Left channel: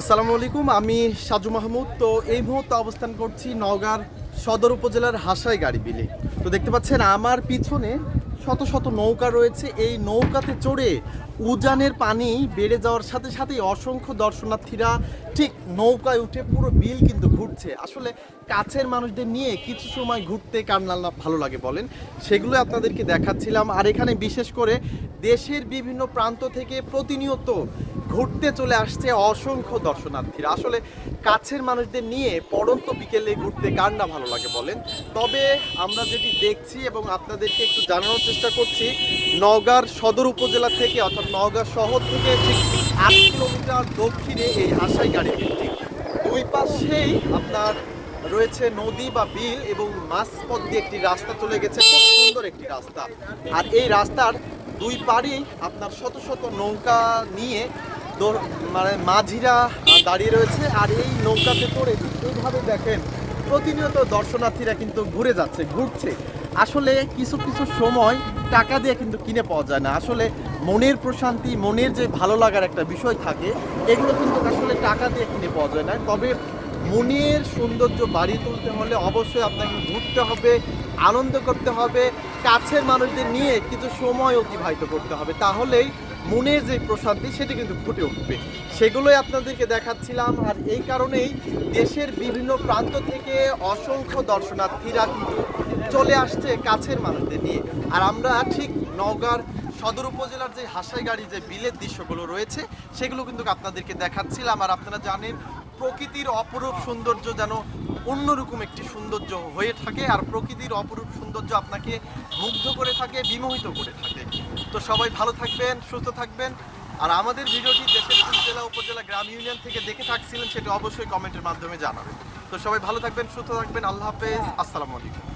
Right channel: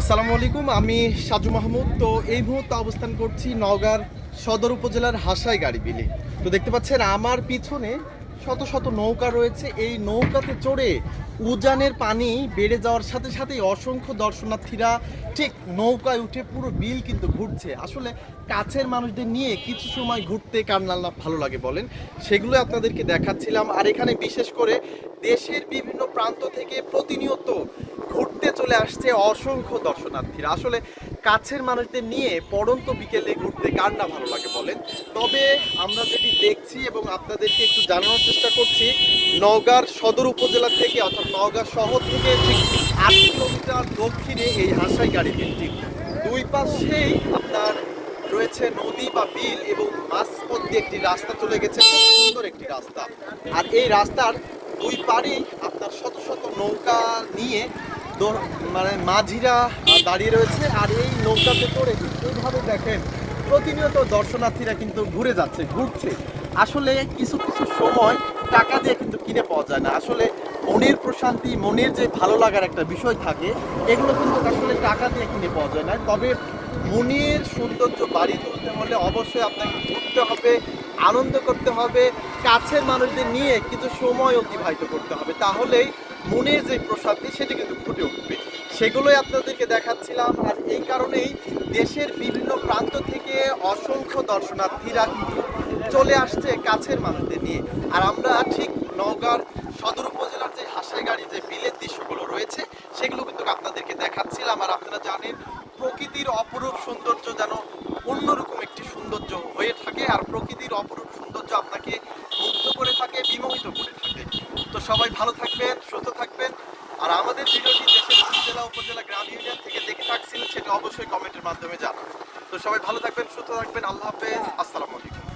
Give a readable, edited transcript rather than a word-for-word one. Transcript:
আসসালামু আলাইকুম, আমি সাজু মাহমুদ। তো এই মুহূর্তে অবস্থান করছি নওগাঁর সদর উপজেলার হাসাই গাড়ি বিলে। তো দেখতে পাচ্ছেন আমার পিছনে শত শত নৌকা রয়েছে। এই নৌকাতে চড়ে উজানের পানি বেড়ে যাওয়ার সাথে সাথেই অসংখ্য দর্শনার্থীরা ঠিক নৌকায় উঠে পুরো বিল কিন্তু ঘুরছে। আসলে কাছের মানুষদের নিয়ে কিছু সময় ঘুরতে কার না ভালো লাগে বলেন, সেগুলো আপনাদেরকে দেখাচ্ছিলাম। আর এখানে বিশেষ করে দেশের বিভিন্ন প্রান্ত থেকে প্রতিনিয়ত ঘুরতে চলে আসছে অসংখ্য দর্শনার্থীরা। আসলে কাছের মানুষদের নিয়ে পড়ন্ত বিকেলে ঘুরতে কার না ভালো লাগে বলেন। তবে আমরা যেটি দেখছি এবং আপনাদেরকে একটু জানানোর চেষ্টা করছি, নওগাঁর সদর উপজেলা থেকে অর্থাৎ নওগাঁ শহর থেকে ঠিক 8 কিলোমিটার দক্ষিণে এই হাসাই গাড়ি বিলটি। দুই পাশেই আপনার রয়েছে নদী বা বিল এবং মাঝপথ দিয়ে একটি রাস্তা চলে গেছে, খুব সুন্দর একটি রাস্তা। আর এই রাস্তার দুই পাড়েই আপনার শত শত নৌকা নিয়ে মানে মাঝিরা দাঁড়িয়ে রয়েছে। আর এই নৌকাতে করে এইভাবে দেখেন প্রতিনিয়ত দর্শনার্থীরা কিন্তু ঘুরছে। আসলে কিছু কিছু সময় টাকা দিয়ে কিন্তু কিনে পাওয়া যায় না। আসলে মনের প্রশান্তি, মনের যে ভালো লাগার একটা বিষয় থাকে, এগুলো কিন্তু আসলে টাকা দিয়ে কিনে পাওয়া যায় না। তবে মনের সৌন্দর্য বাড়িয়ে তুলতে হলে অবশ্যই আপনাকে ঘুরতে হবে, আনন্দ করতে হবে, কাছের মানুষদের নিয়ে কিছু সময় অতিবাহিত করতে হবে। তাহলেই মনের যে প্রশান্তি সেটা কিন্তু ফুটে উঠবে। সেগুলোই আপনাদেরকে দেখাচ্ছিলাম। আর এই কারণেই দেশের বিভিন্ন প্রান্ত থেকে অসংখ্য দর্শনার্থীরা কিন্তু চলে আসছে কাছের মানুষদের নিয়ে। আর আমরা ঠিক নওগাঁর সদর উপজেলার যে হাসাই গাড়ি যে বিলের দৃশ্যগুলো রয়েছে সেগুলো কিন্তু আপনাদেরকে দেখাচ্ছিলাম। আর আপনারা জানেন প্রকৃতির অপরূপ সৌন্দর্য যেন অন্যরকম একটি সৌন্দর্য হয়ে থাকে। আর প্রকৃতির অপরূপ সৌন্দর্য আপনাকে মুগ্ধ করে থাকে, বিমোহিত করে থাকে। তো সবাই ভালো থাকবেন, সুস্থ থাকবেন। আর আমাদের ভিডিওটি দেশের কোন জেলা, উপজেলা, গ্রাম, ইউনিয়ন থেকে দেখে থাকছিলেন সেটা অবশ্যই কমেন্টের মাধ্যমে জানাবেন। তো সবাই ভালো থাকবেন, সুস্থ থাকবেন। আল্লাহ হাফেজ, আসসালামু আলাইকুম।